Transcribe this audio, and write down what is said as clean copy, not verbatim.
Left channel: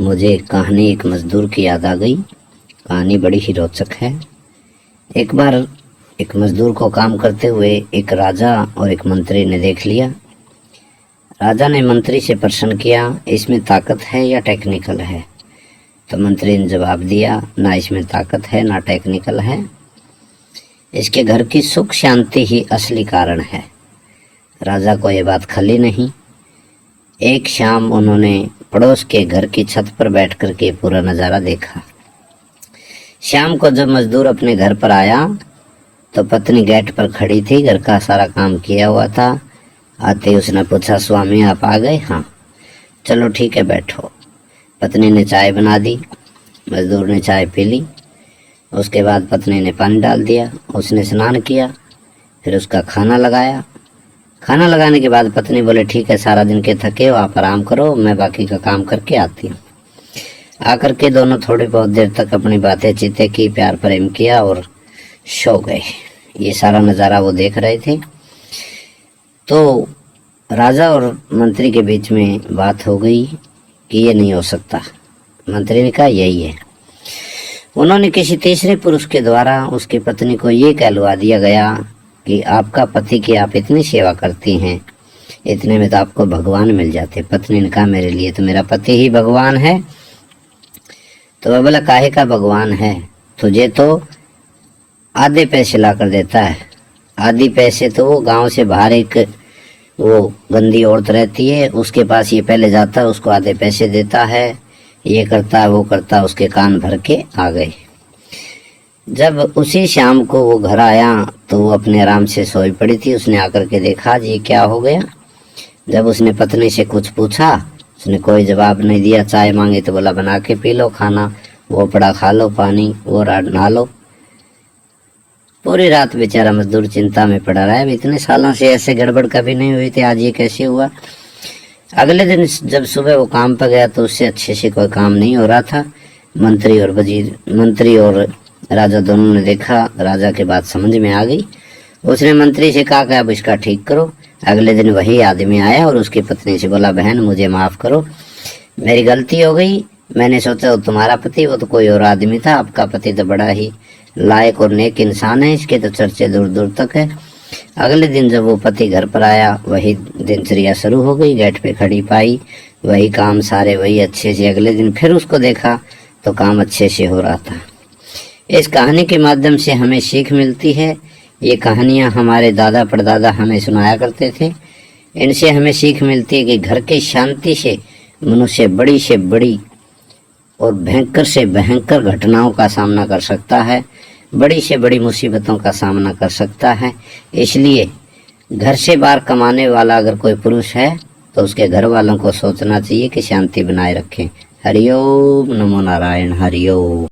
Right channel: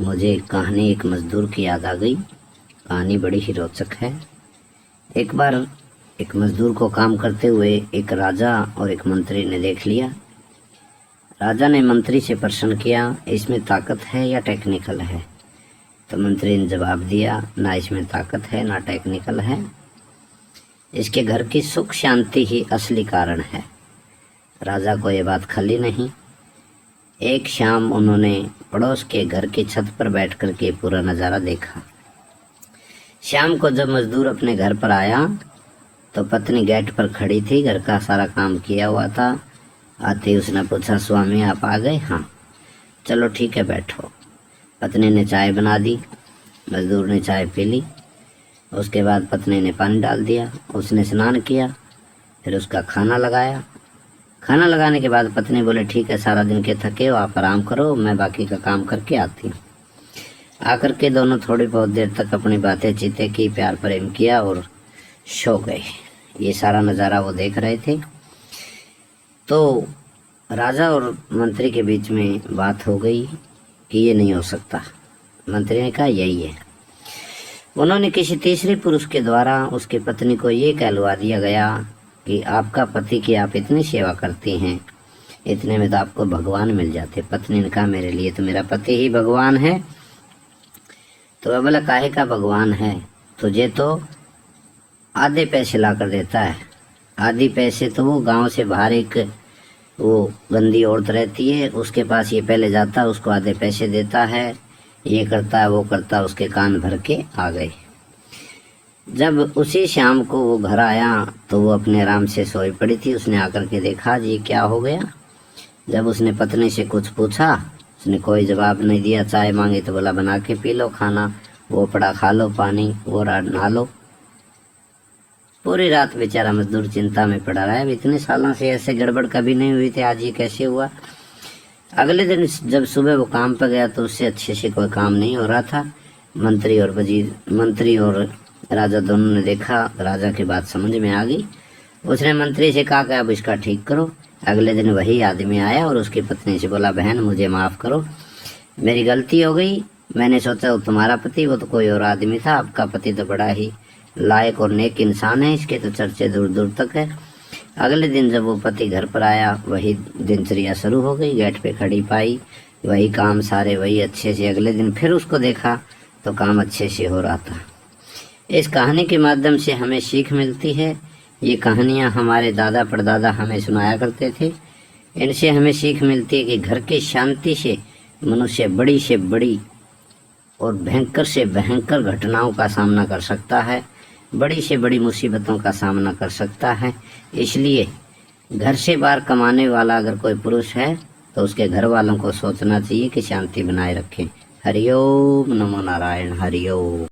मुझे कहानी एक मज़दूर की याद आ गई। कहानी बड़ी ही रोचक है। एक बार एक मज़दूर को काम करते हुए एक राजा और एक मंत्री ने देख लिया। राजा ने मंत्री से प्रश्न किया, इसमें ताकत है या टेक्निकल है? तो मंत्री ने जवाब दिया, ना इसमें ताकत है ना टेक्निकल है, इसके घर की सुख शांति ही असली कारण है। राजा को ये बात खली नहीं। एक शाम उन्होंने पड़ोस के घर की छत पर बैठ कर के पूरा नज़ारा देखा। शाम को जब मजदूर अपने घर पर आया तो पत्नी गेट पर खड़ी थी, घर का सारा काम किया हुआ था। आते उसने पूछा, स्वामी आप आ गए? हाँ। चलो ठीक है, बैठो। पत्नी ने चाय बना दी, मजदूर ने चाय पी ली। उसके बाद पत्नी ने पानी डाल दिया, उसने स्नान किया, फिर उसका खाना लगाया। खाना लगाने के बाद पत्नी बोले, ठीक है, सारा दिन के थके हो, आप आराम करो, मैं बाकी का काम करके आती हूँ। आकर के दोनों थोड़ी बहुत देर तक अपनी बातें चीतें की, प्यार प्रेम किया और सो गए। ये सारा नज़ारा वो देख रहे थे। तो राजा और मंत्री के बीच में बात हो गई कि ये नहीं हो सकता। मंत्री ने कहा यही है। उन्होंने किसी तीसरे पुरुष के द्वारा उसकी पत्नी को ये कहलवा दिया गया कि आपका पति की आप इतनी सेवा करती हैं, इतने में तो आपको भगवान मिल जाते। पत्नी ने कहा, मेरे लिए तो मेरा पति ही भगवान है। तो वह बोला, काहे का भगवान है? तुझे तो आधे पैसे ला कर देता है। आधे पैसे तो वो गांव से बाहर एक वो गंदी औरत रहती है, उसके पास ये पहले जाता है, उसको आधे पैसे देता है, ये करता है वो करता है। उसके कान भर के आ गए। जब उसी शाम को वो घर आया तो वो अपने आराम से सोई पड़ी थी। उसने आकर के देखा, जी क्या हो गया? जब उसने पत्नी से कुछ पूछा, उसने कोई जवाब नहीं दिया। चाय मांगे तो बोला, बना के पी लो, खाना वो पड़ा खा लो, पानी वो नहा लो। पूरी रात बेचारा मजदूर चिंता में पड़ा रहा है। इतने सालों से ऐसे गड़बड़ कभी नहीं हुई थी, आज ये कैसे हुआ? अगले दिन जब सुबह वो काम पर गया तो उससे अच्छे से कोई काम नहीं हो रहा था। मंत्री और राजा दोनों ने देखा। राजा की बात समझ में आ गई। उसने मंत्री से कहा कि अब इसका ठीक करो। अगले दिन वही आदमी आया और उसकी पत्नी से बोला, बहन मुझे माफ़ करो, मेरी गलती हो गई। मैंने सोचा वो तुम्हारा पति, वो तो कोई और आदमी था। आपका पति तो बड़ा ही लायक और नेक इंसान है, इसके तो चर्चे दूर दूर तक है। अगले दिन जब वो पति घर पर आया, वही दिनचर्या शुरू हो गई। गेट पे खड़ी पाई, वही काम सारे वही अच्छे से। अगले दिन फिर उसको देखा तो काम अच्छे से हो रहा था। इस कहानी के माध्यम से हमें सीख मिलती है। ये कहानियाँ हमारे दादा परदादा हमें सुनाया करते थे। इनसे हमें सीख मिलती है कि घर की शांति से मनुष्य बड़ी से बड़ी और भयंकर से भयंकर घटनाओं का सामना कर सकता है, बड़ी से बड़ी मुसीबतों का सामना कर सकता है। इसलिए घर से बाहर कमाने वाला अगर कोई पुरुष है तो उसके घर वालों को सोचना चाहिए कि शांति बनाए रखें। हरिओम नमो नारायण। हरिओम।